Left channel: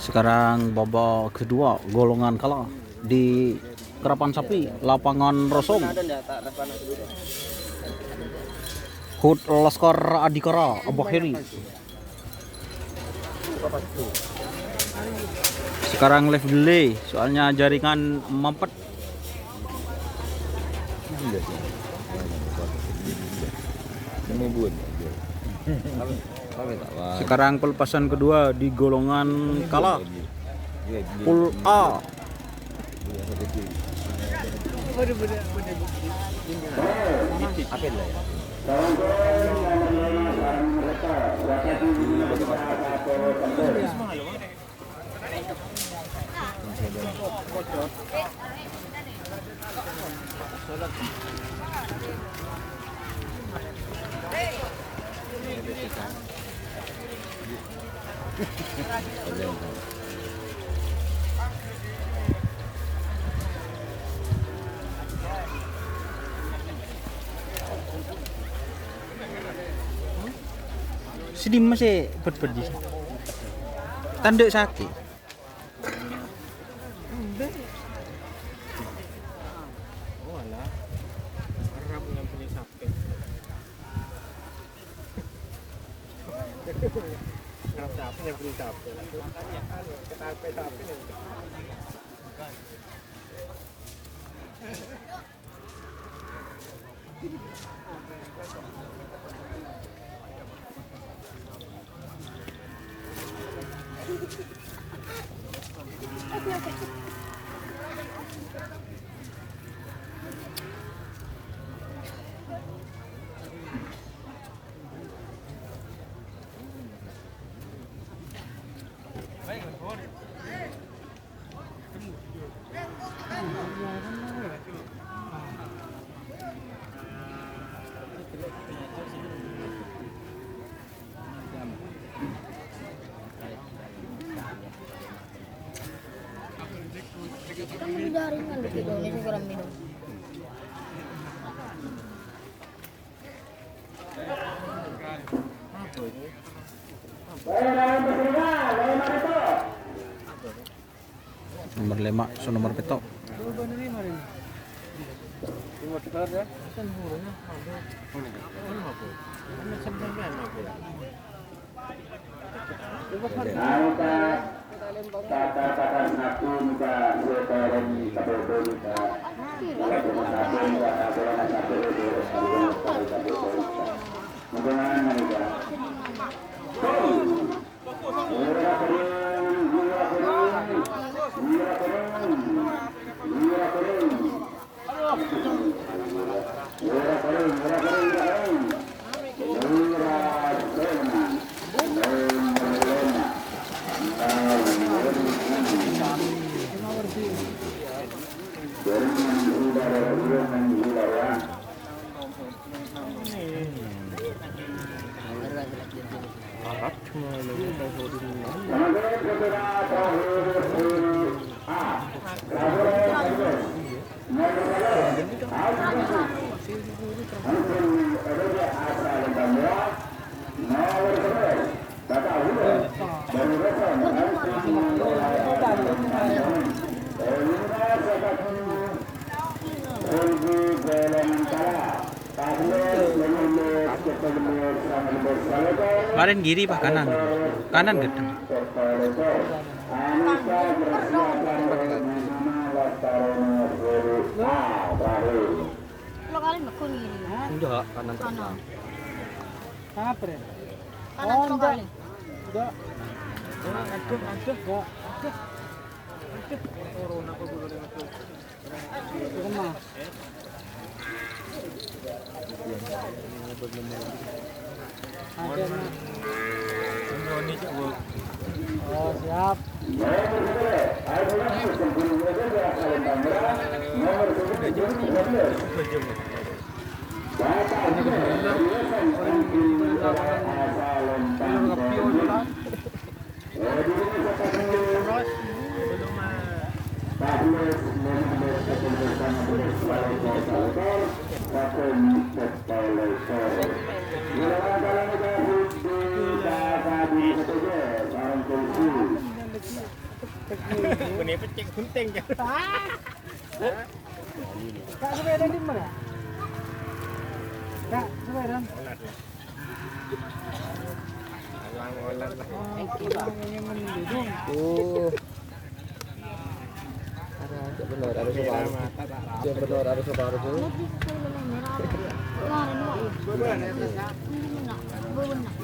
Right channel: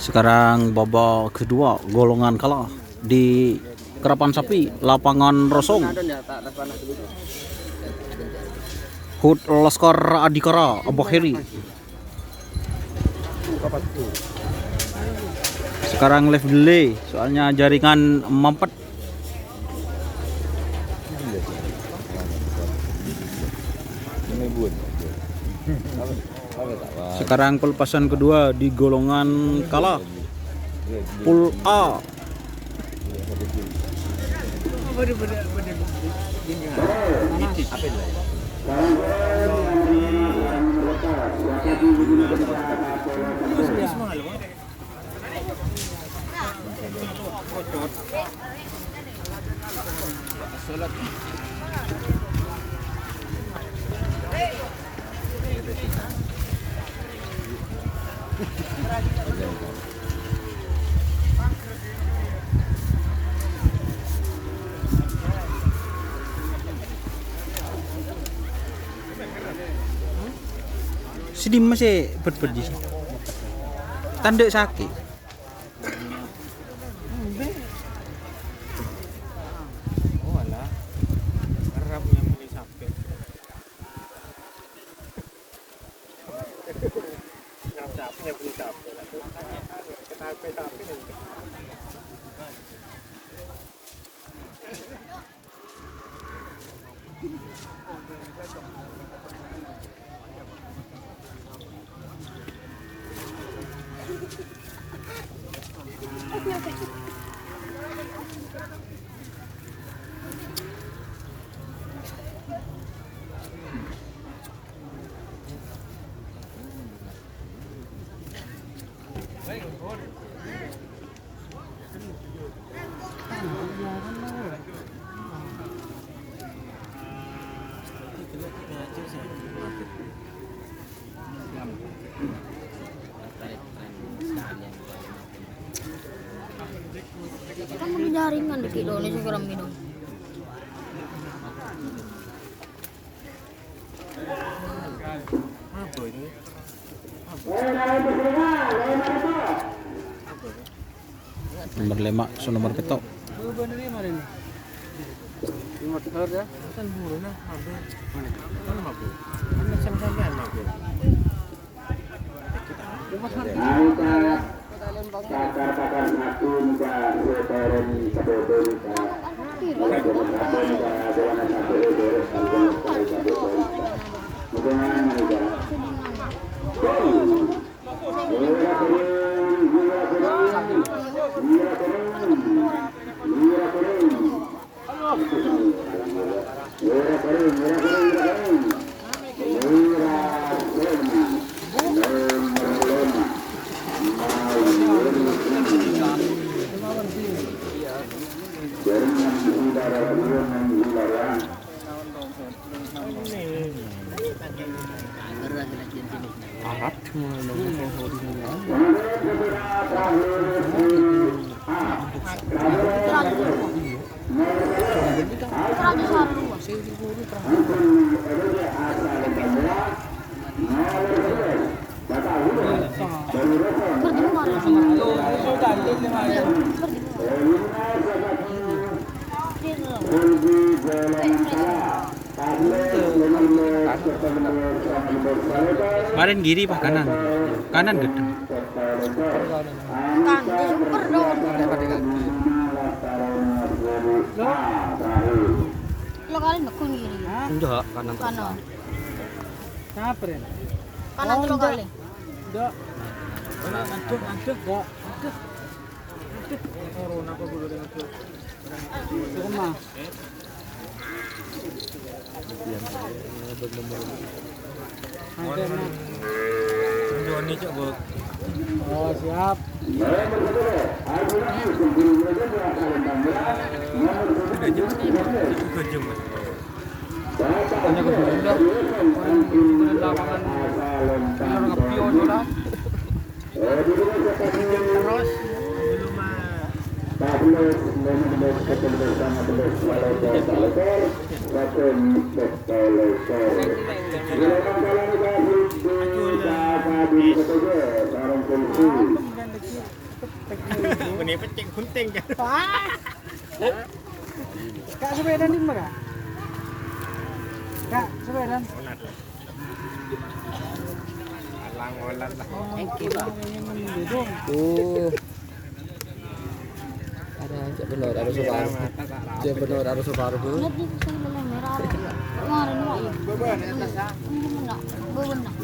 Sekarang babak kedua golongan kalah di Kerapan Sapi lapangan Rosong. Hud Laskar Adikara Abah Heri. Sekarang live delay soalnya jaringan mampet. Sekarang pelepasan kedua di golongan kalah Pool A. Sedih masih berperdi. Tanduk sakit. Oh alah, harap punya beli sapi. Sapi yang beli sapi lah tu. Sapi ni. Kan jaringan di Indonesia kurang gitu. Apa ini? Nomor 5 so nomor petok. Berubah dari mana ni? Lima betul ya? Kan huruna ambil. Mana? Mana aku? Mana sampean aku? Lima betul. Alat semua Kemarin kiri pak kanan. Kanan gedeng. Lo kali nekun gini. Enggak, kanan. Kanan. Apa ya? Kanan terus kali. Enggak. Aduh kok. Aduh. Corona aku juga dengan itu. Rumah. Ada nak. Tunggu ni coba. Oh siap. Sudah jam. Sudah jam. Ini kebetulan orang di lapangan film ngepion lah. Terus belum Ini penting gunting ya. Kak sepeda di mana? Kak sepeda. Ada separuh. Dia benar ada separuh tuh. Lihat di sebelah merah. Kemarin enggak ya? Ini enggak. Belum enggak.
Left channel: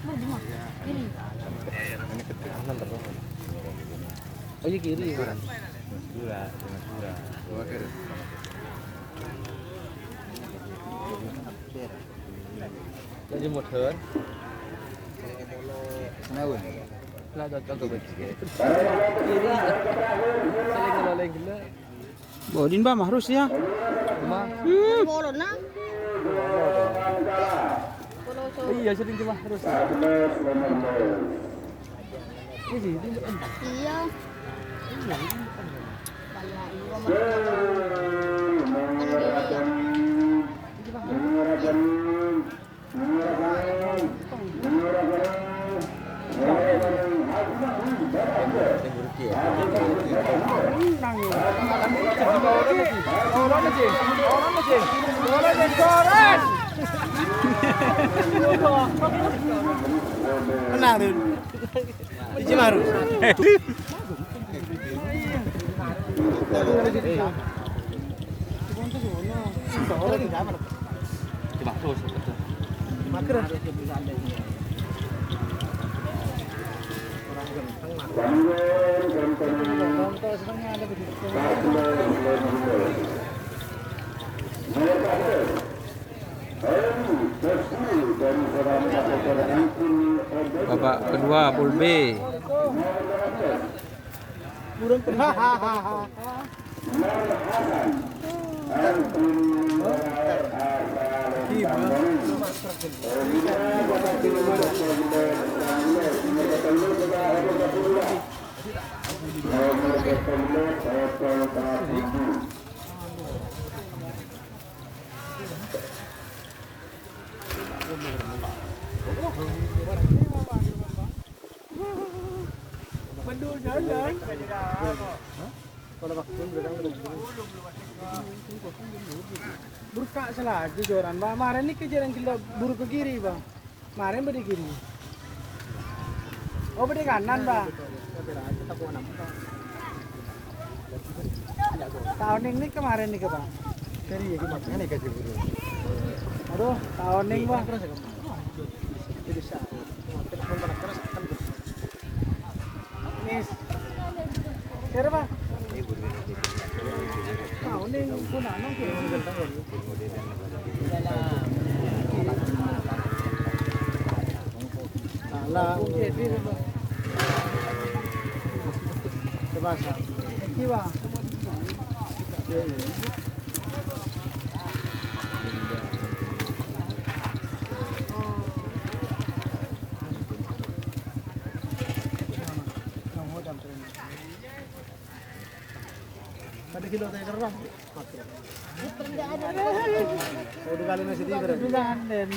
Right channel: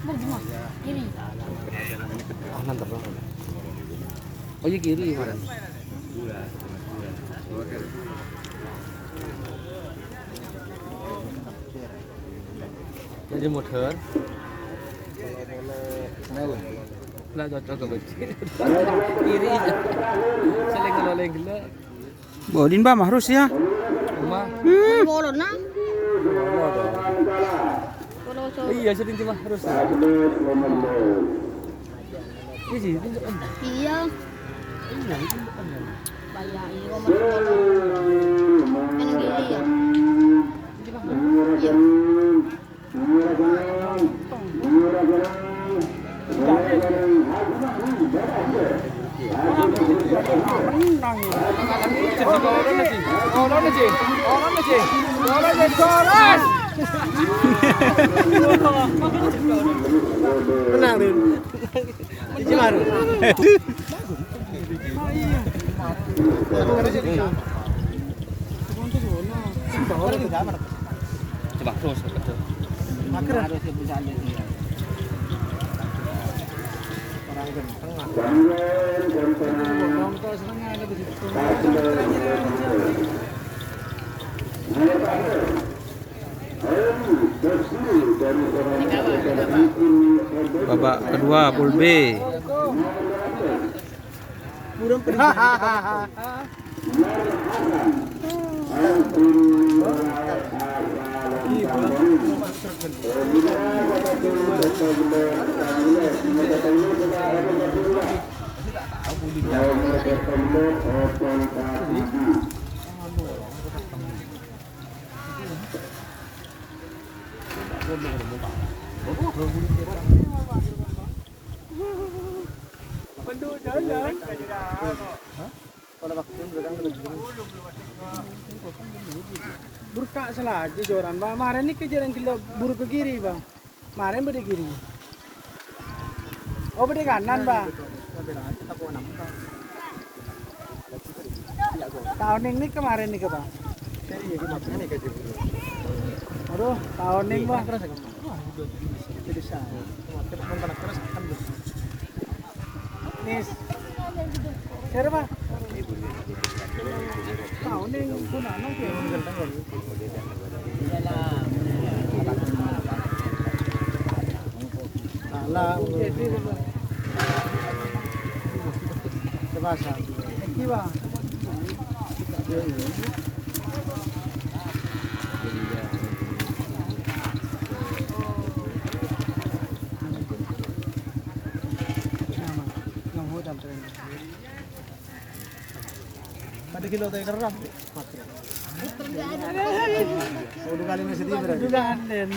Berjumlah. Kiri. Oh iya kiri kan. Jadi motor. Lah cocok ke kiri aja. Saling ngeloleng gila. Bodin bah harus ya. Rumah. Bolon nah. Iya sering cuma terus. Ini sih ini depan. Iya. Iya ini depan. Banyak ini nomor bolon. Ini dia. Menang tuh. Cici maru. Coba terus. Maker. Babak kedua pool B. Burung pergi. Burka salah aja joran bang. Kemarin ini kejaran kita buruk ke kiri bang. Kemarin beri kiri. Oh beri kanan bang. Tahun ini kemarin nih ke bang. Aduh tahun ini bang. Nis. Siapa? Tahu nih, gua nanong kayak mengganteng ya. Lah, jadi apa? Sebasa. Kiwa. Ada kilo tayo kerap. Udah kali nasi di berarti. Dugaan den.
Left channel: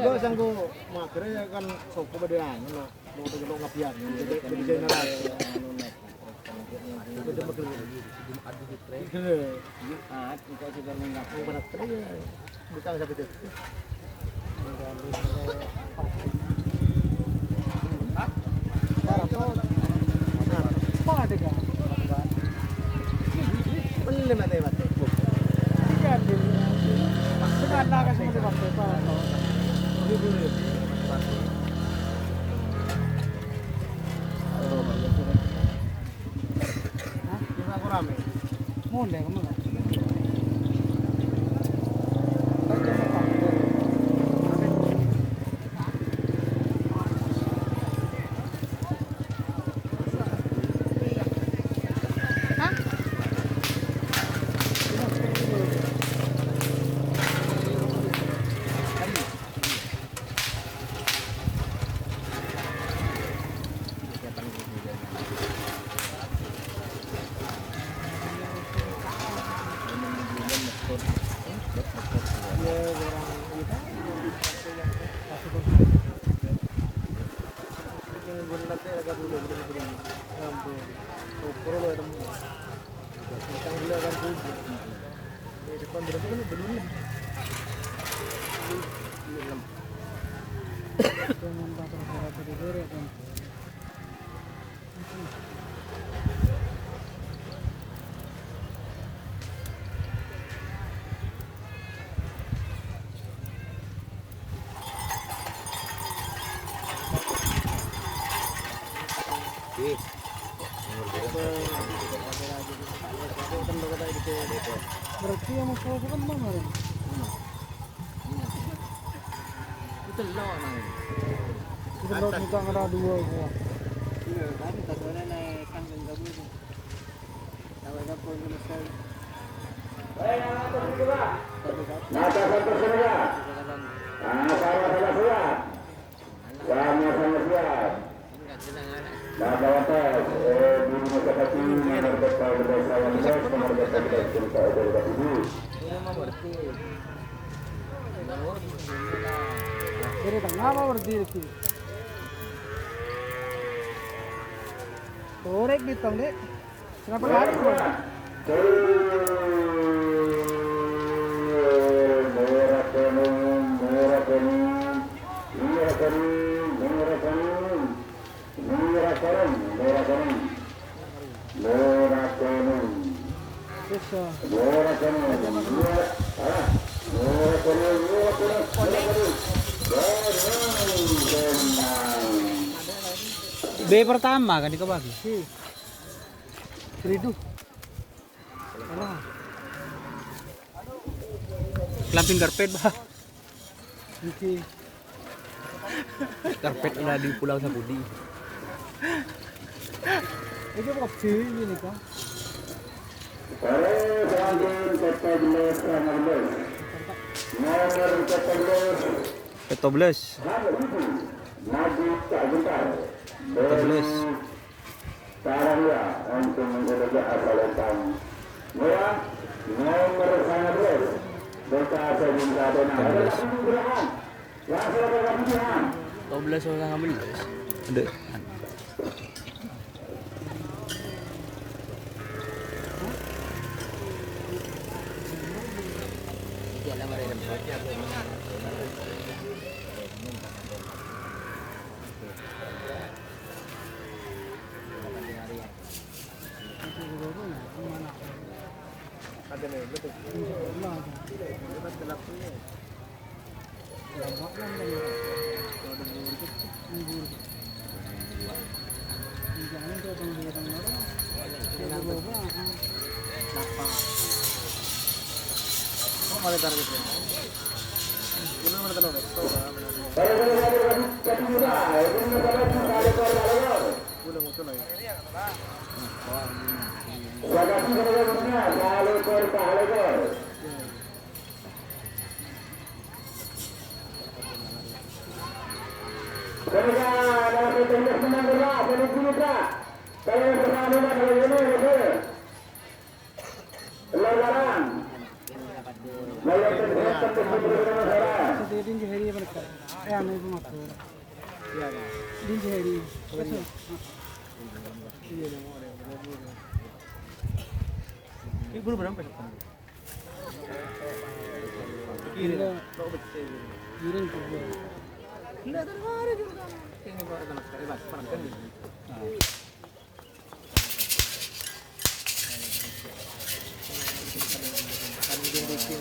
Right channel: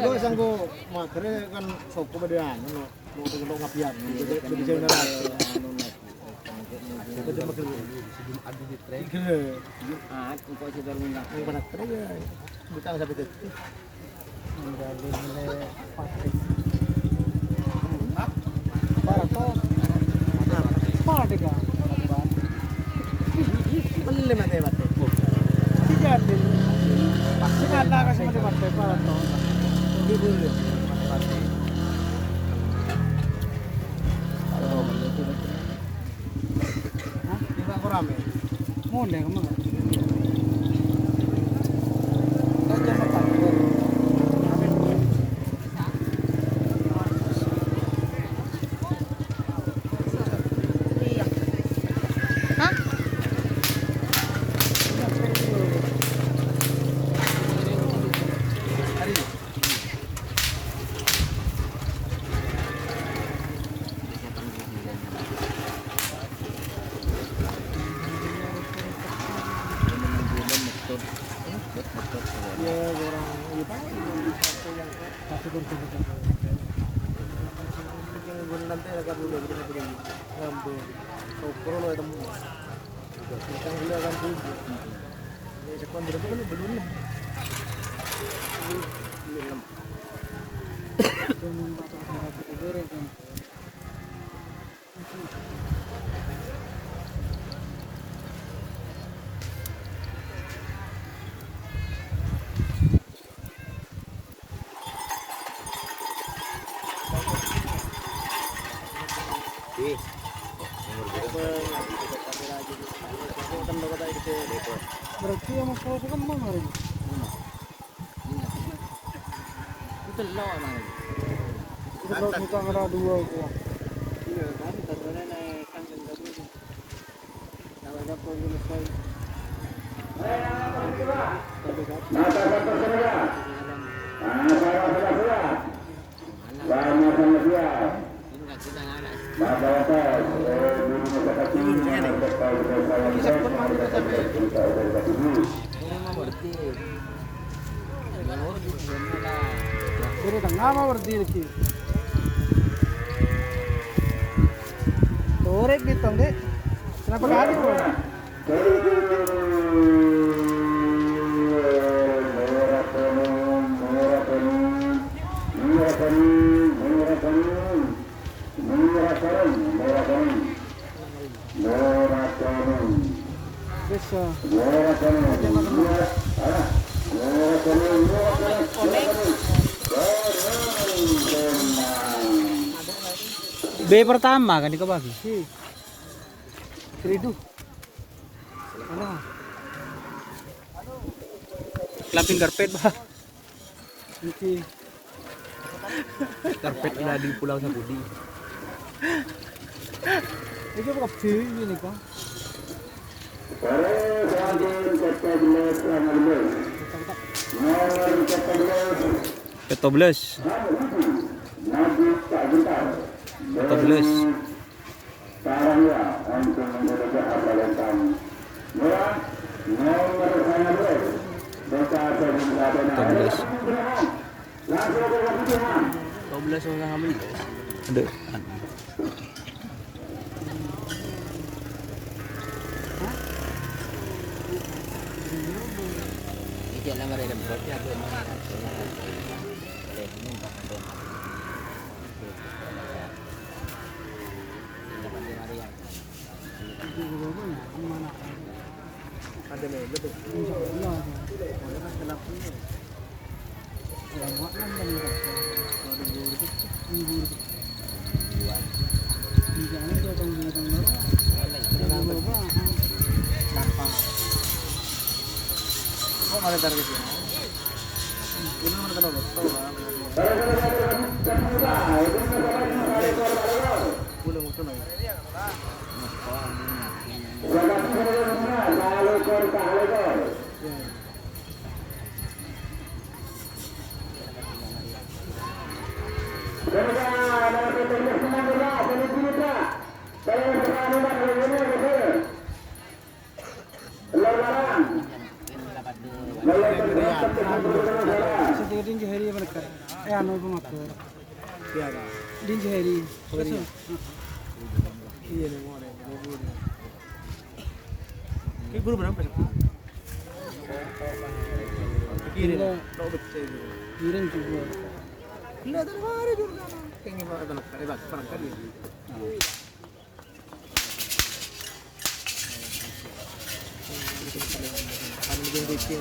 Gua sanggo makre kan soko bedean lo. Mau kilo ngapian. Jadi saya nalar. Kita makre. Ah, kau coba minyak. Mau benak tre ya. Bukan sampai itu. Mate. Tidak din. Tidak na kasi mate pa to. Libur. Hah? Marami. Muna ka mga. Sokro lo temu. Kita gula kan tuh. Ini sekarang berapa kan belum. Berarti yang masalah itu kan mau hari. Itu lo mana? Itu lo kita ada dua itu. Iya, kan katanya naik kandang tadi. Kalau ada problem saya. Dari tengah mau berdiri. Torek gitu deh. Kenapa lari bro? Eso. B pertama kan dikebagi. Seridu. Alah. Lampin karpet bah. Oke. Karpet udah di Pulau Sapudi. Itu kopi ini kan. Petobles. Petobles. Petobles. 12 orang ambil. Ada. Ada nih, betul. Kok ada targetnya? Ini mana tahu? Belum mungkin ya. Din jahiri mereka. Anu itu makan. Iya. Din jahiri. Iya nih mau ada. Kayak belum berapa sih? Kiri. Tahu betul. Kiri itu gua. Enggak ada hari juga. Kayaknya baru ada sekali bak, perempuan gitu. Ada yang bikin.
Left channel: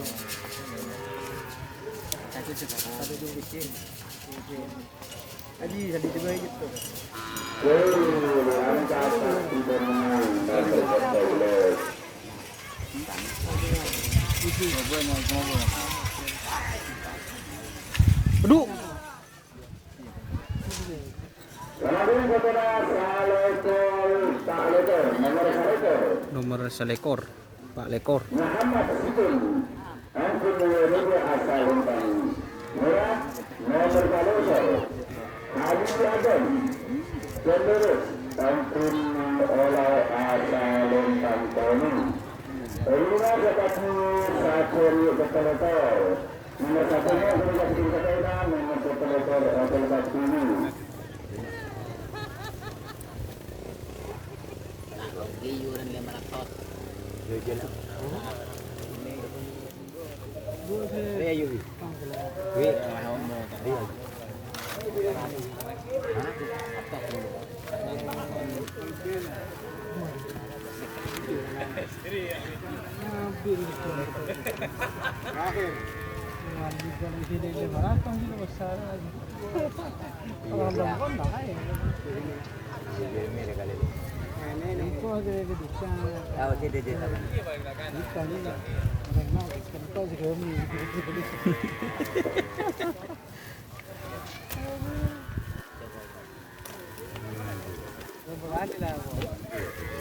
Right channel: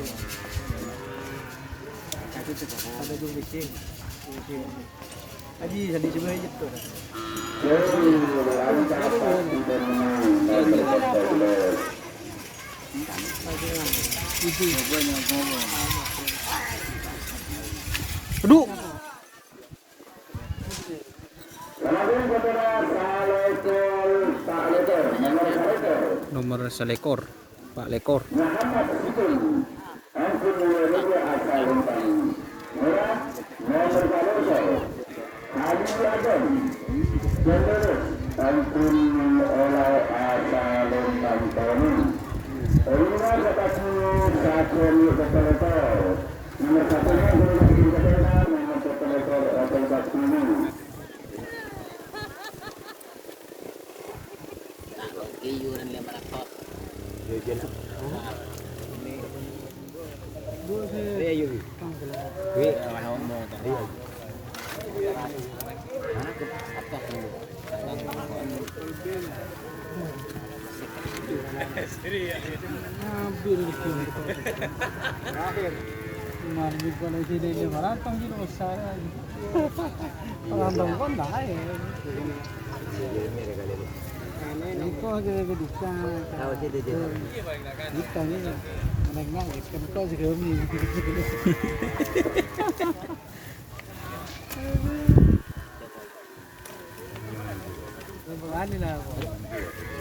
Ada yang bikin. Aji jadi coba gitu. Aduh. Nomor selekor, Pak Lekor.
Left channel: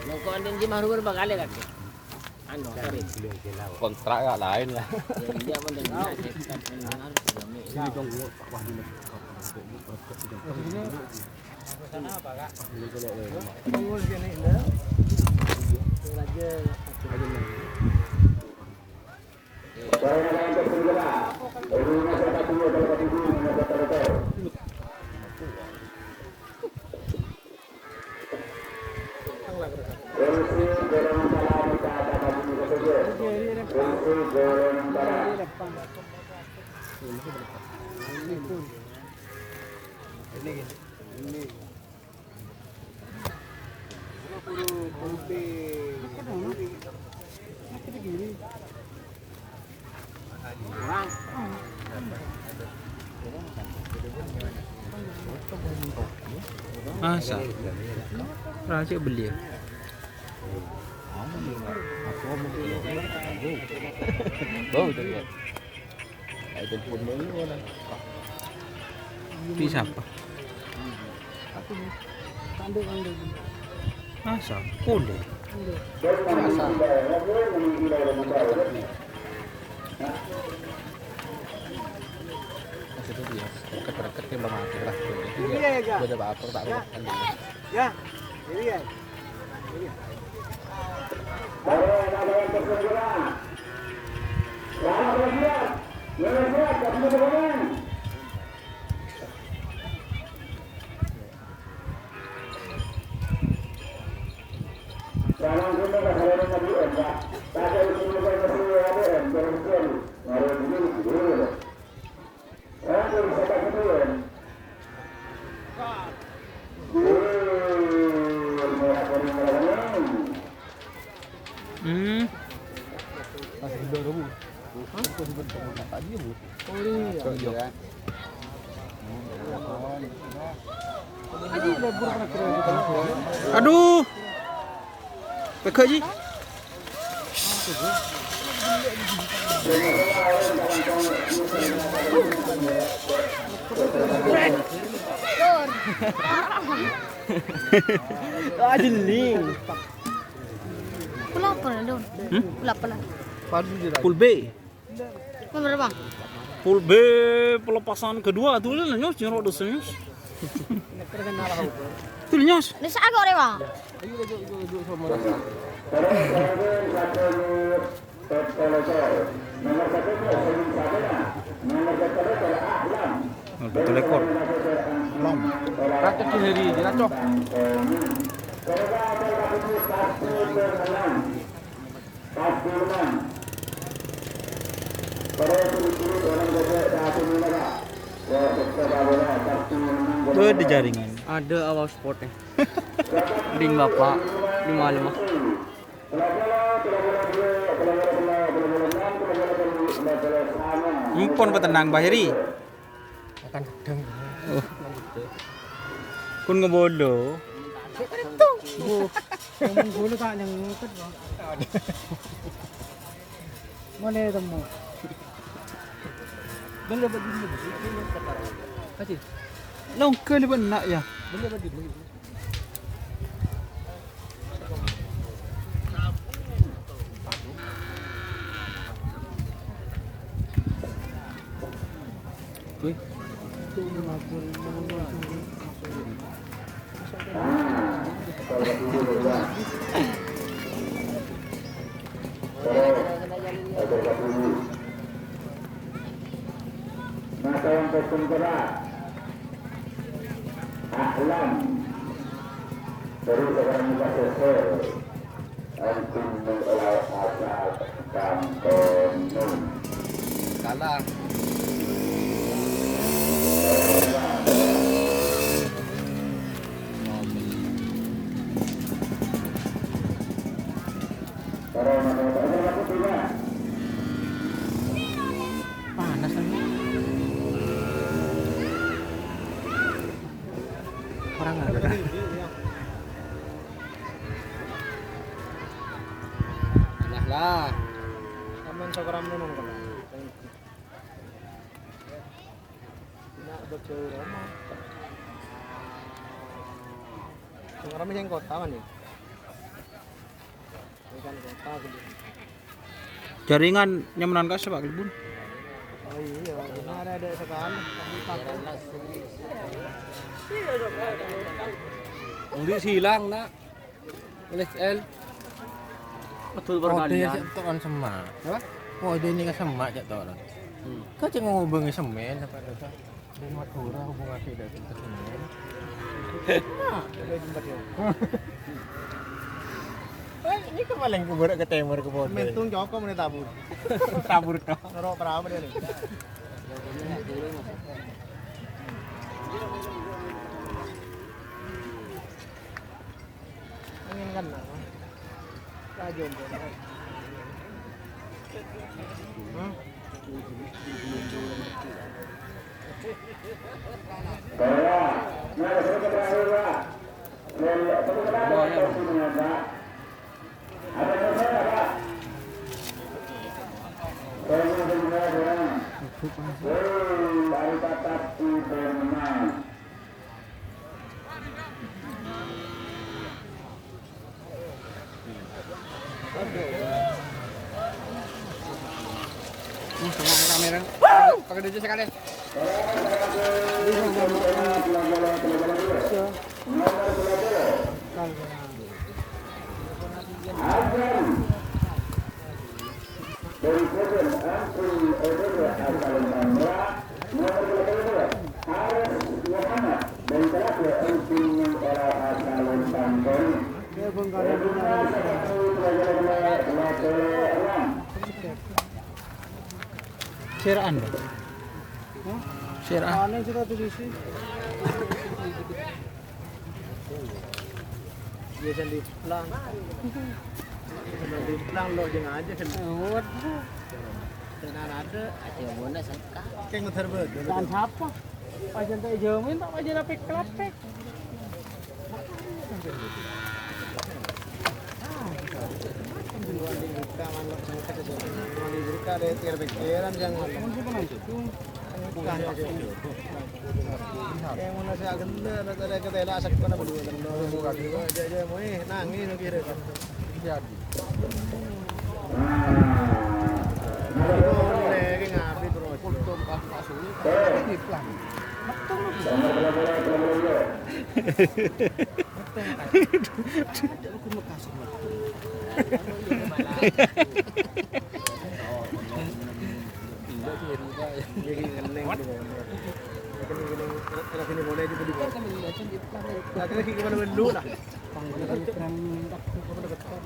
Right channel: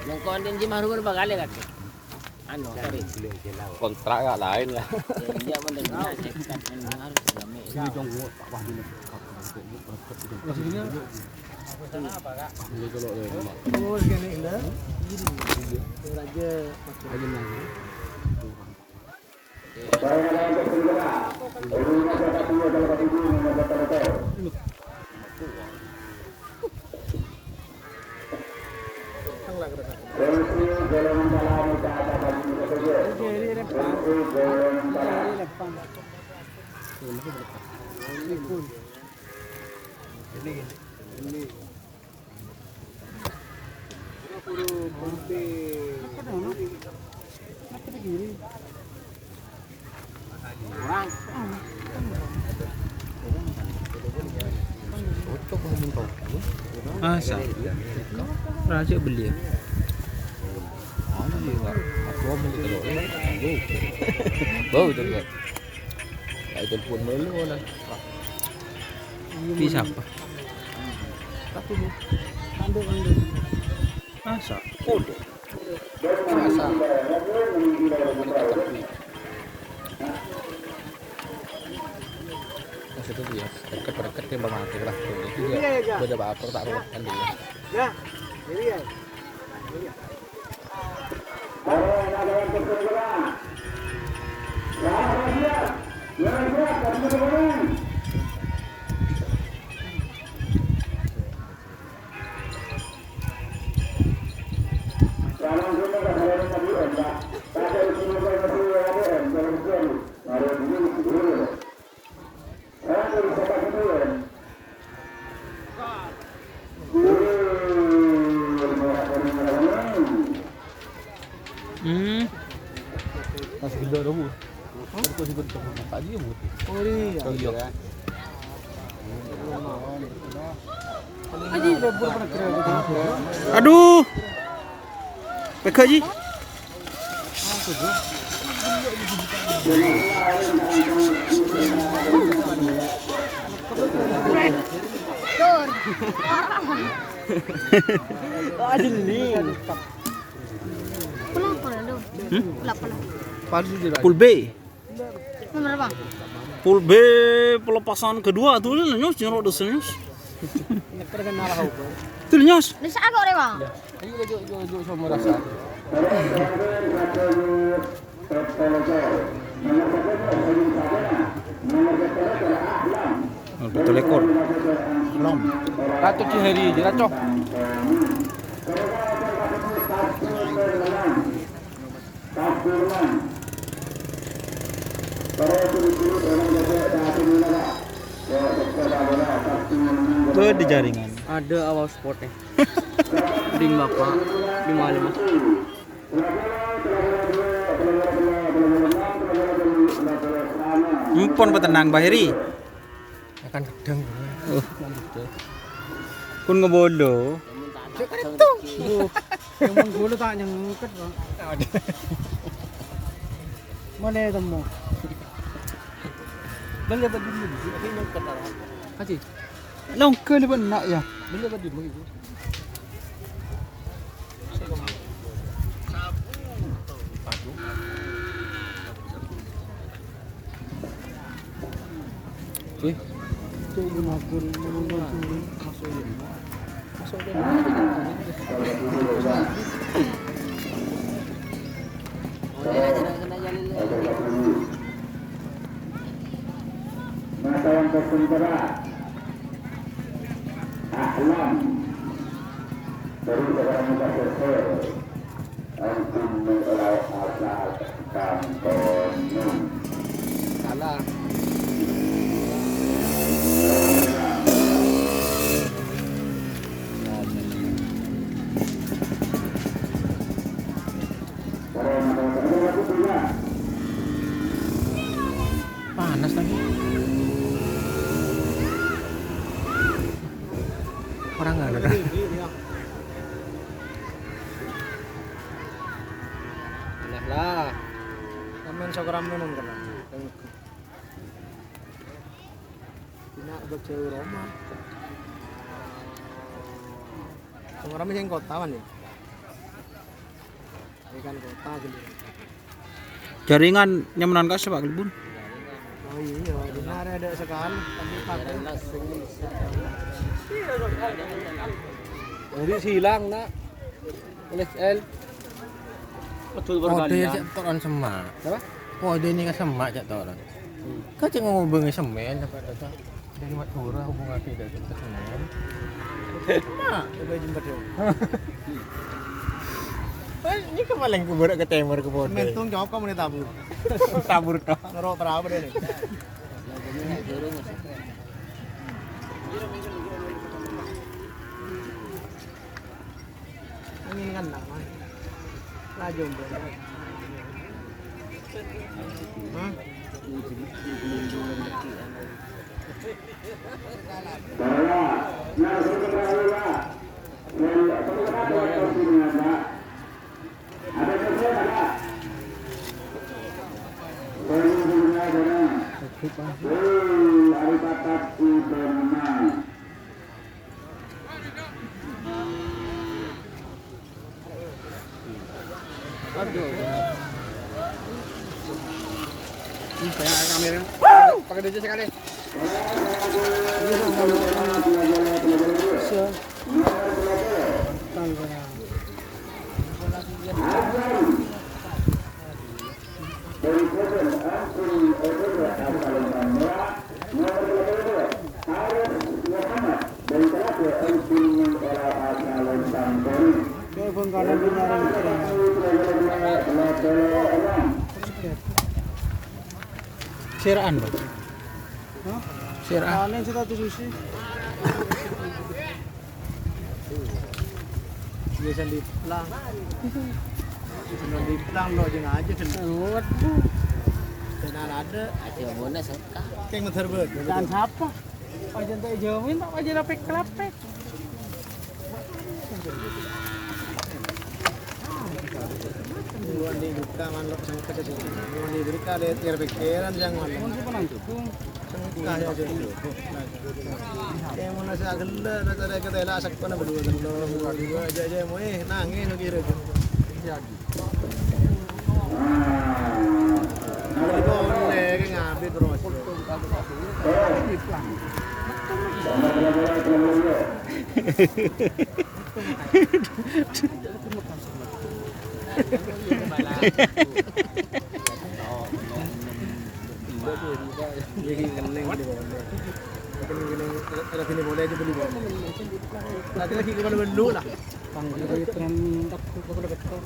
Yang kau andin jim haru berapa kali kan? Anu, Kontrak gak lain ya. dia pun dah. Masa? Raja beli ya? Bau tu kan. Itu pun dulu lah. Pi siapa? Masa? Kode? Masa. Masa tu dia. Dekat-dekat dia belum mati lah. Dia dah apa tak apa kan dia. Ya, ini ya. Masih gede dah bu. Aku sih bentuk tak dia bu. Oh iya. Aduh. Peka ji. Ajeling. Pula apa lu? Pula apa lah? Palsu je lah. Pool B. Ini berapa? Pool B pelepasan kedua tuh lah nyos nyerok dosen nyos. Tuh nyos. Ini saya agak lewat. Ayo sama rasa. Betul ekor. Lam. Ratu Cihari je racok. Tuh di jaringan. Ada awal sportnya. Ding bapak 55. Empon petenang Bahiri. Akan gedang. Oh. Kun ngebodo. Emang gula tak nyengket bang. Mana temu? Dan dapat di mana sih? Ini nyengket lah. Haji. Longke ni pun nak ya. Dan dapat di mana? Oke. Itu mengatur mengatur Nasawang kesentera Ahlam dari seorang profesor Kalah. Panas lagi. Orang nggak ada. Enak lah. Kamen sekarang minum kan. Ini ada cewek Roma. Sekarang yang kota kan ya? Ikan kota gitu. Jaringan nyamanan kasih Pak Gelbun. Oh iya, ini ada sekali. Udah hilang nak. Oleh L. Betul Oh, dia cak toran semak. Apa? Oh, dia ni kan semak cak toran. Kau cak ngubungi semen apa kata? Dari Madura hubungan ke dari semen. Coba jumpa dia. Ini kemarin ke borak ke timur ke bodoh. Mentung jawab kamu nih tabur. Tabur toh. Naruh berapa dia nih? Angin kan lah. Laju mbak. Pegang kamera. Pakai duit sekali. Siraan Bang. Siraan. Paling suka tuh sushi. Dia sendiri pelang. Sendiri pelang lo aja aja sendiri. Sedang ada. Ada mana seka? Kayak muter bet. Dan siapa? Pajan tak jamin tak pajan lapek-lapek. Duluan di buka manlok sangka saja. Duluan di berita ada tiar pikiran jangan. Sangka saja. Kayak mana saya genda ada kata lah asak kena berdua dan orang berdua aja mau nangis kira. Jadi boleh kayak ngabit terus. Jadi keneng di bawah. Keneng kalau sini boleh aja beli bawah. Lagi gimana dulu lah. Panggil bayi tren tak udah betul.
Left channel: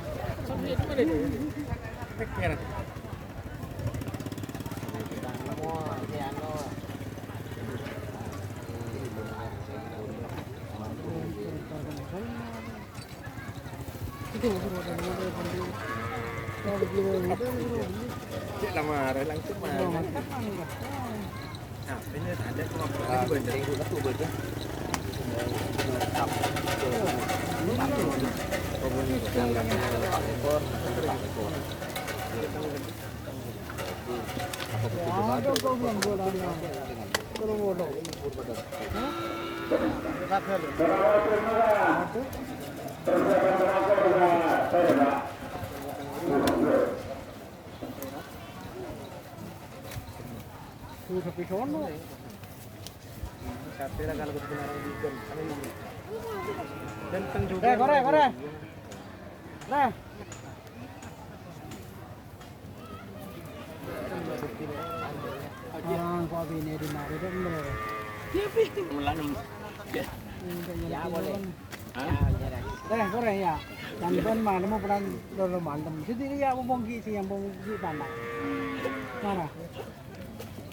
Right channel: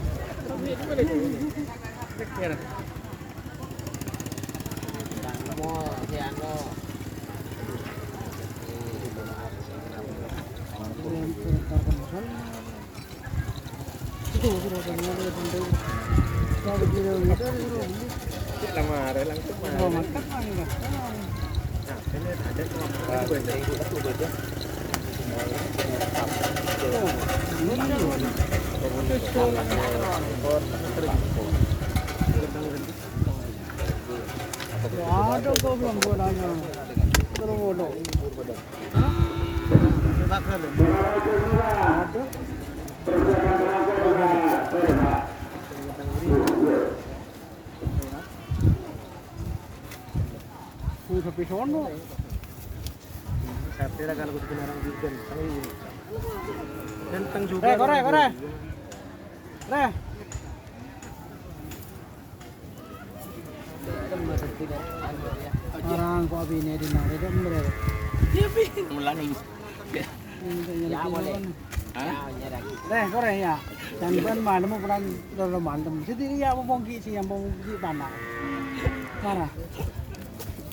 Lama ada langsung mah. Ini ada cuma banyak. Ada kau belum bolanya. Belum bolong. Sampai sono. Tapi lah kalau kebenaran juga, ganteng juga. Kore. Nah. Orang kok bini di mana dia berapa? Ulang. Ini Đây, có này à. Chẳng bên mà nó một lần rồi mà tầm thế thì ya bông kỹ thì bông kỹ tàn nào. Này nè.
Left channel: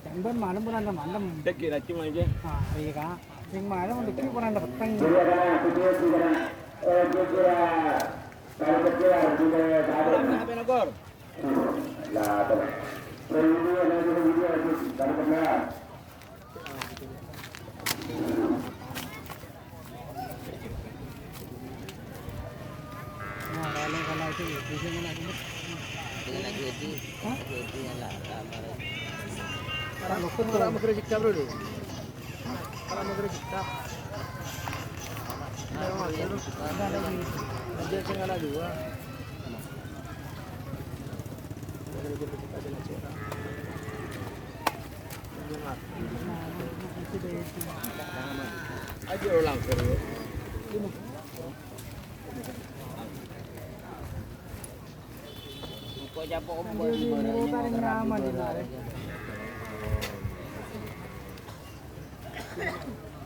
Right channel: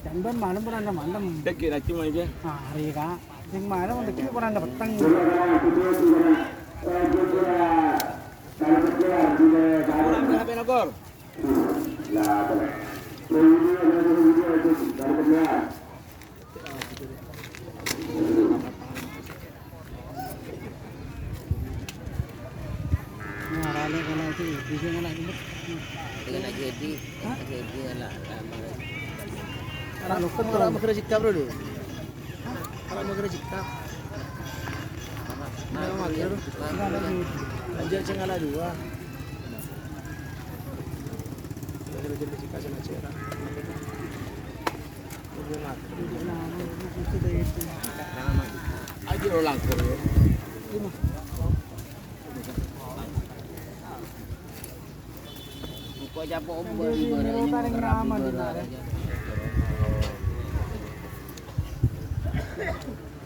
Chẳng bên mà nó một lần là mặn tầm. Đấy kia là cuma aja. À, thì cả. Nhưng mà nó một cái một lần là bật tăng. Apa yang lapor? Mà ra lên cái này thì cái này cũng Dengan nak jadi lah lama. Kalau lu kan Orang mau kerja cipta bro. Orang mau kerja cipta. Aja jangan ada dua. Aja orang kerja. Kau jumpa ombak di mana ini ngerapi bola aja.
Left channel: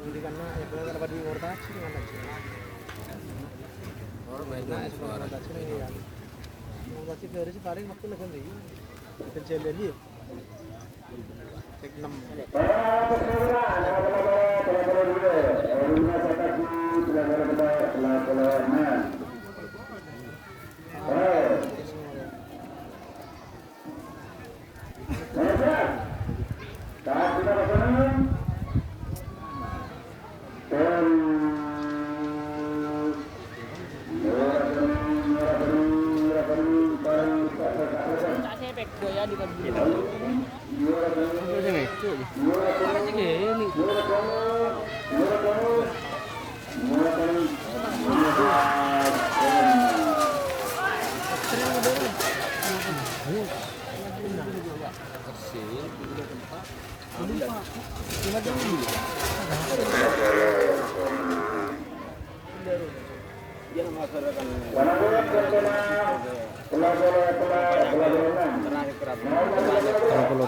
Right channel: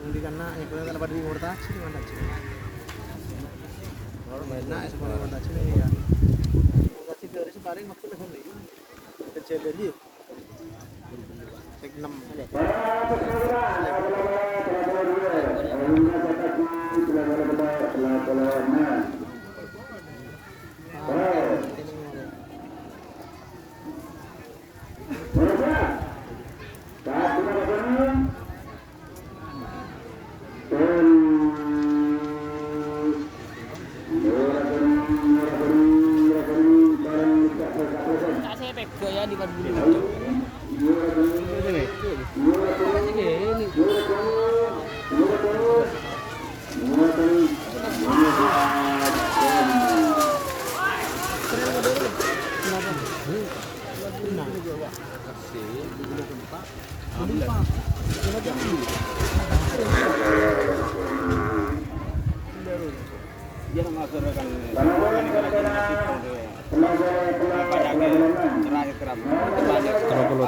Hindi ka na, ikaw na dapat di morta, sino man na siya. Or may na, isa pa na siya na yan. Kasi pero si paring makul na hindi. Kasi beli. Tek 6. Kalau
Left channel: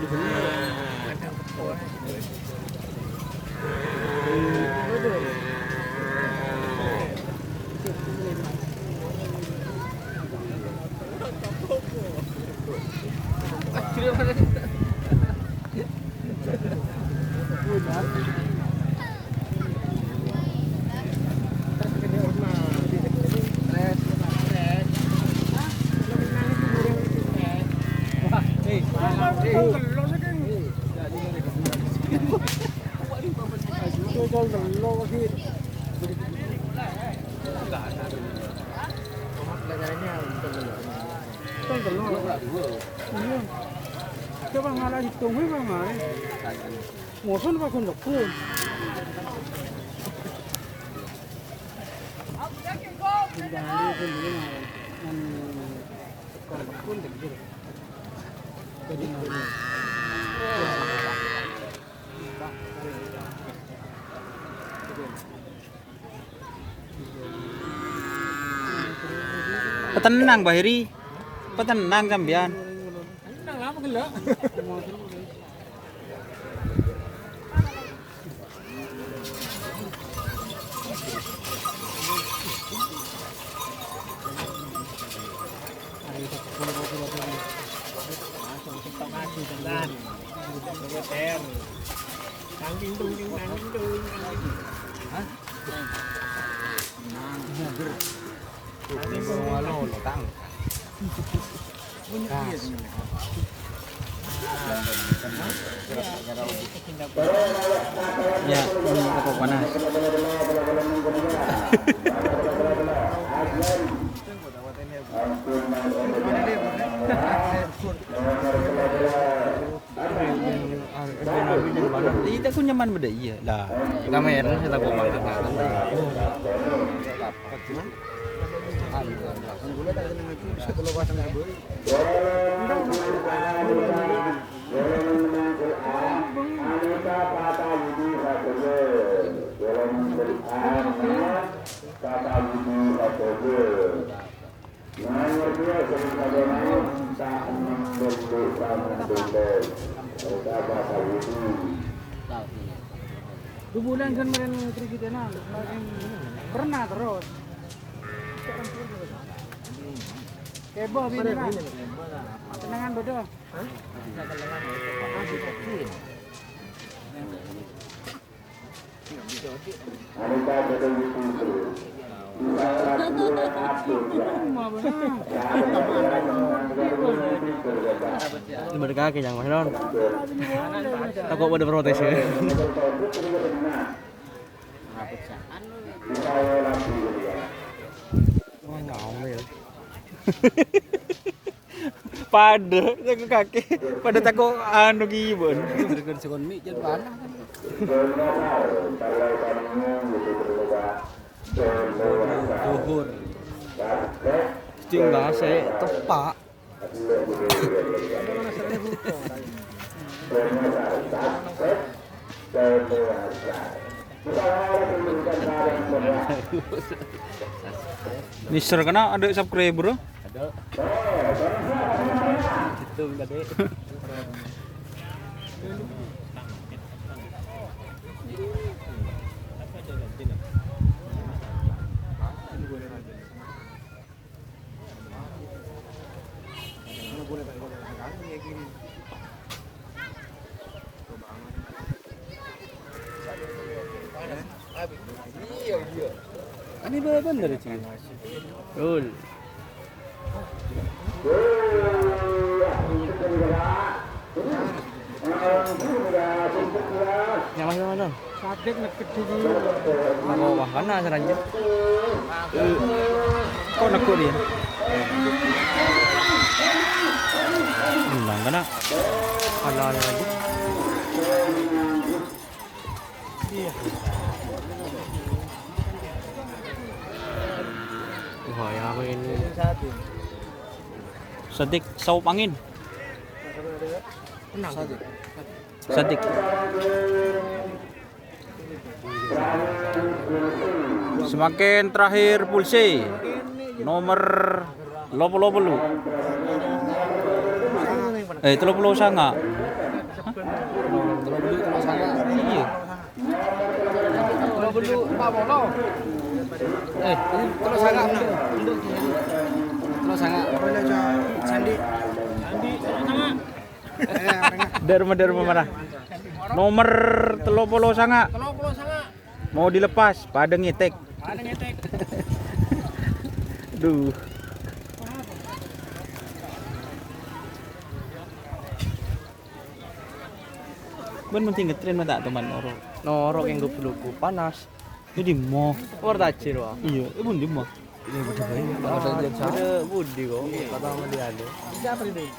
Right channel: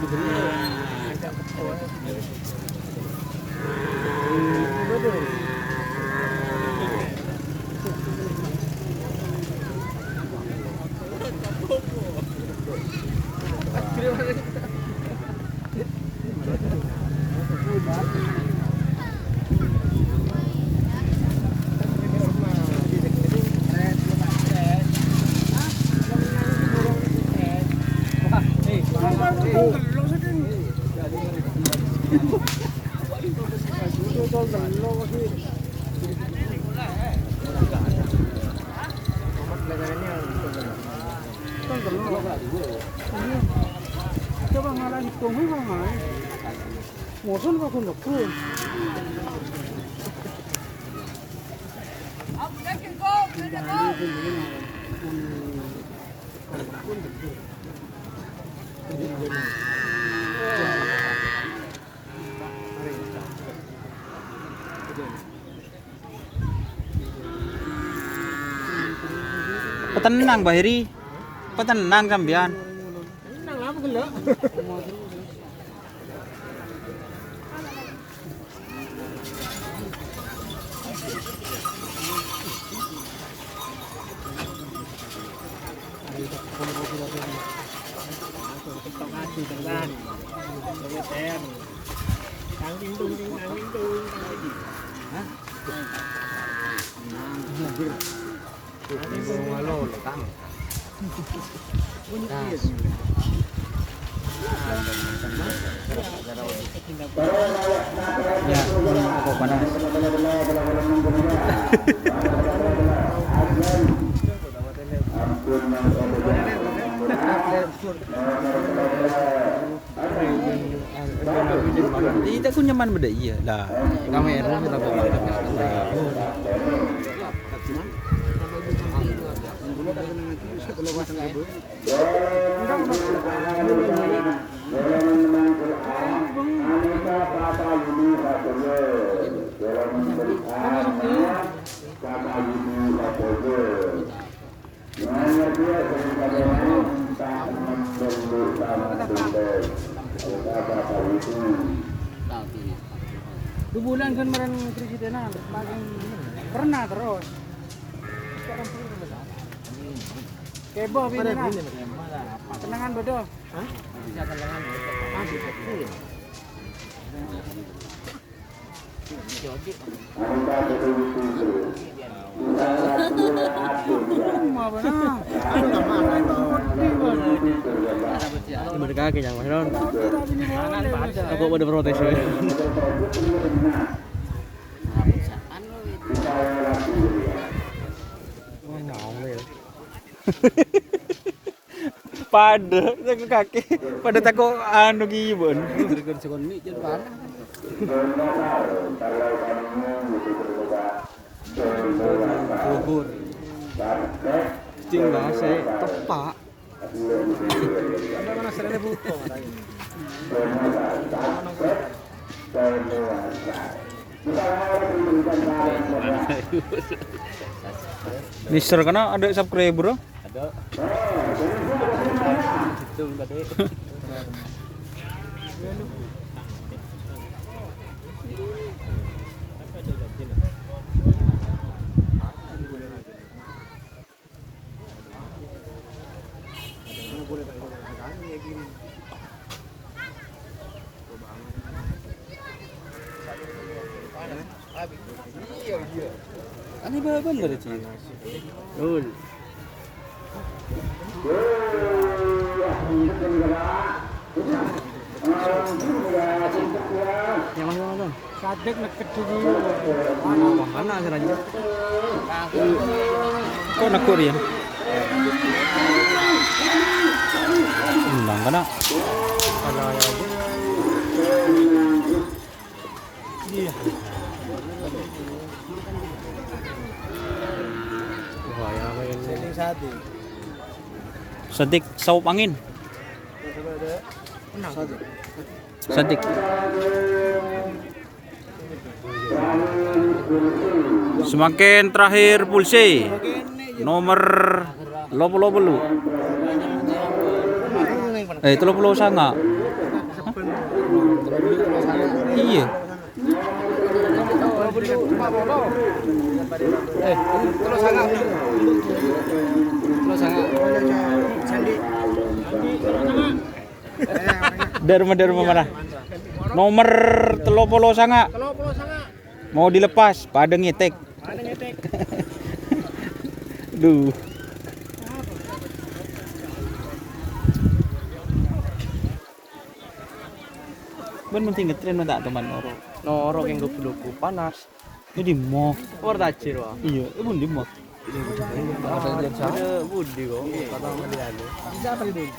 36. Coba ngalah hitung kok ngai. Ngoson kok kun leku. Jangan pun ini ngai. Pun gede. Petenang Bahiri. Petenang sampean. Nang lama gelak. Ya, pun apa panas. Tidak aku nyaman beda iya lah. Kamera kita kok mantap. kalau pasang kabel. Dua bulan kan kemarin terus kita nah, pernah terus. Kebo bini nah. Kenangan bodoh. Ini berkaki yang mana non? Aku pada protes ya. Pada jaga kaki, pada tako anu gibon. Bergen sekon mi jadi parah. Bogor. Tinggal saya tepak. Mana serane buko. Mister kana ada subscriber bro. Ada. Itu tadi. Ini benar sih. Betul. Yang mana? Sabik nak kecil Mana caranya? Kok nak Korean? Undang kana. Wah, yang ini. Satu. Sedik saup angin. Satu. Sedik. Semakin terakhir pulse nomor 30. 30 sanga. Iya. Terus sangat. Terus sangat. Sandi. Derma mana? Nomor 30 sanga. Mau dilepas, pada ngetek. Duh. Ben penting ngetren mah tak teman noro. Norok yang duku-duku panas. Jadi mau. War tacir wah. Iya, bun di mau. Ada budi kok. Kata sama dia ada. Siapa itu?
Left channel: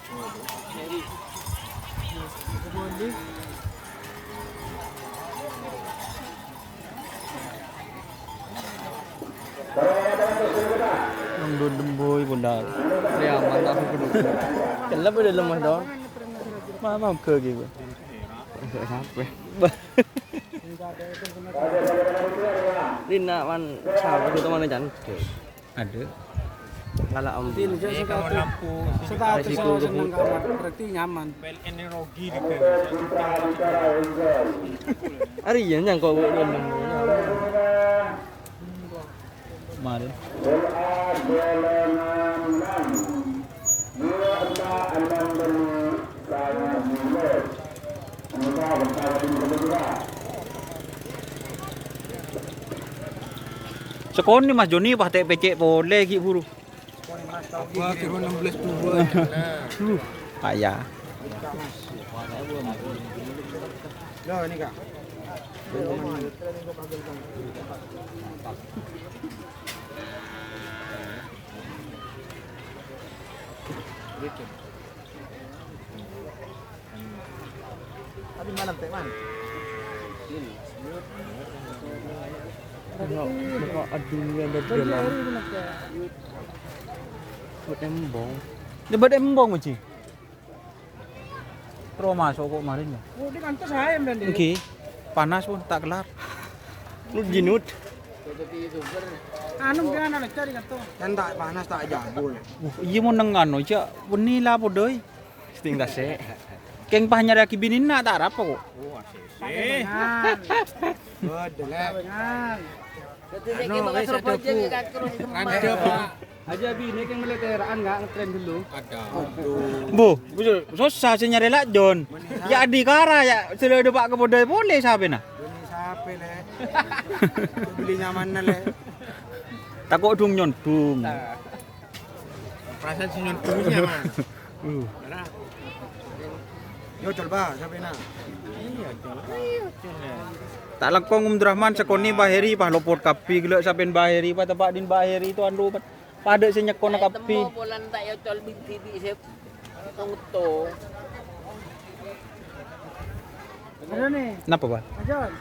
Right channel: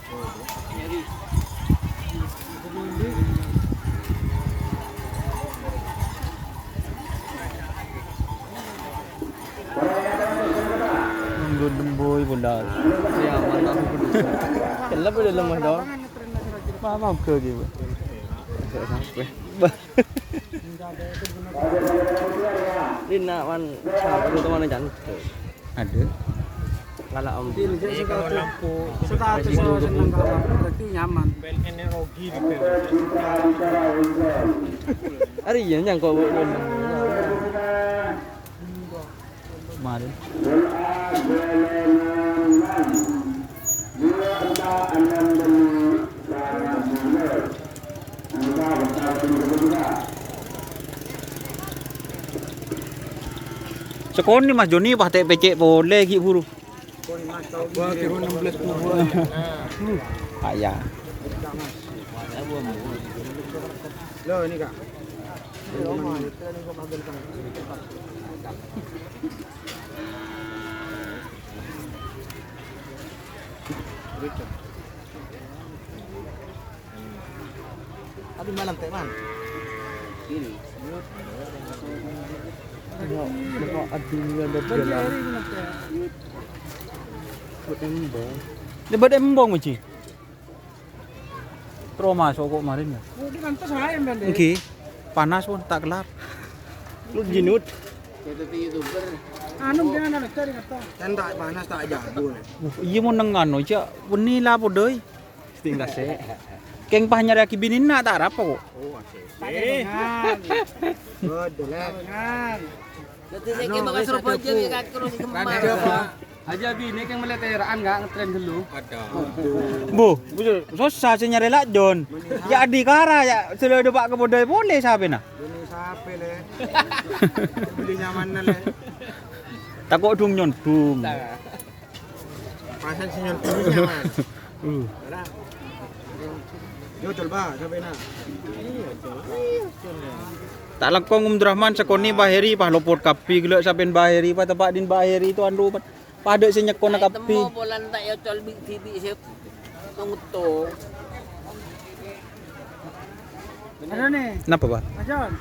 Nang demboy bunda. Ya mantap aku dulu. Kenapa udah lemah dong? Mama ke gitu. Dina man sahabat itu mana jangan. Ada. Kalau om. status seneng kamar berarti nyaman. Ari iya yang kau buat lemah. Kemarin. Sekon ni Mas Joni bah pecek boleh ki buru. Wah, kira 16 kubur. Ayah. Loh, ini Kak. Tadi malam teh man. Aduh ada bela. Buat embong. Debat embong macam. Trauma kok kemarin ya. Oh, di kantor saya mbak deh. Oke. Panas pun tak kelar. Lu jinut. Anu jangan ada cari kantor. Kan tak panas tak jago. Iya mau nengan aja. Beni lah podoi. Setinggal sih. Keng pah nyari aki binin nak tak apa kok. Dengan. Dengan. Aja bini kan meleteraan enggak ngetrem dulu. Bu, susah sih nyari lak John. Ya di kara ya sudah depak ke podoi boleh sabe nah. Bini sape le. Beli nyaman le. Takut dung nyontung. Perasaan si nyontung nyaman. Mana? Yo coba sampai na. Iya, Tak langkong Rahman sekoni baheri pah lopot kapi gelak saben baheri pah tempat din baheri tu andu pada sing nyekon kapi. Bolan tak ya col binti saya tunggu. Ada nih. Napa bah? Ajawan.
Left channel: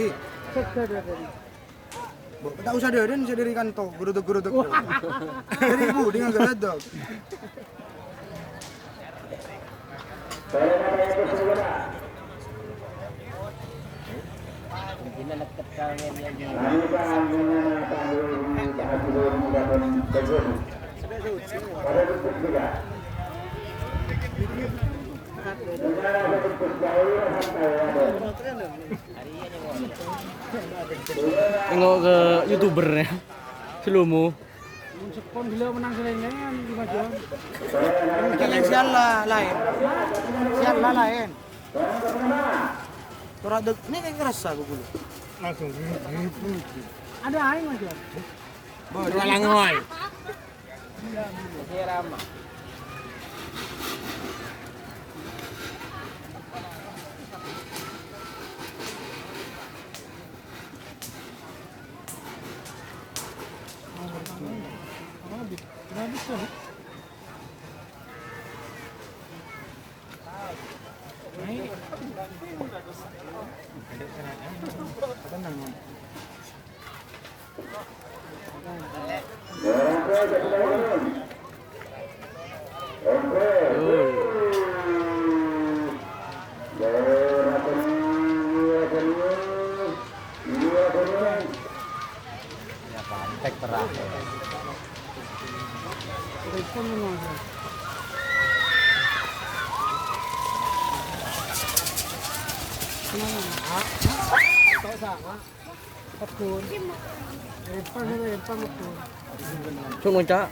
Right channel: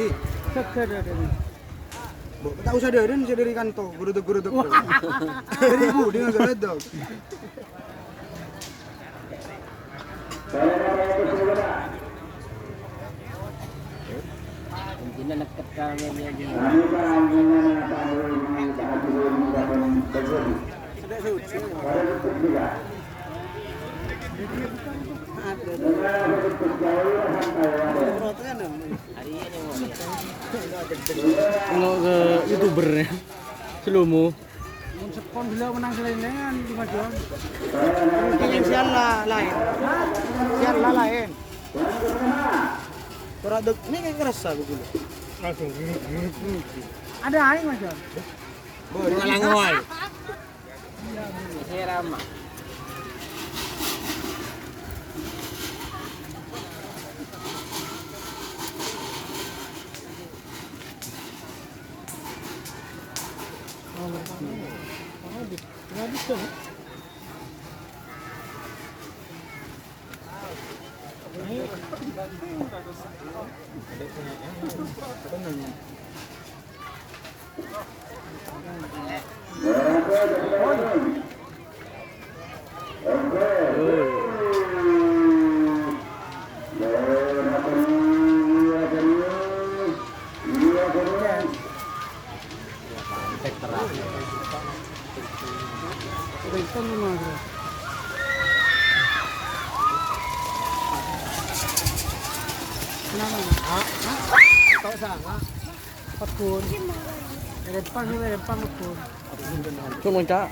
Hi, Seger ada nih. tak usah dari saya dari kantor, geruduk. Dari ibu dengan geruduk. Mungkin anak kecilnya dia. Tengok ke YouTuber ya. Celumu. Sekon gila menang serenengan di Madiun. Kalian sian lah lain. Sian lah lain. Orang dek ini kayak ngerasa begitu. Langsung Ada aing aja. berhalang wae. Saya ramah. Habis kan? Ikan gimana bro? Kenapa? Tahu sana. Pakun. Depan betul. Cuma cak.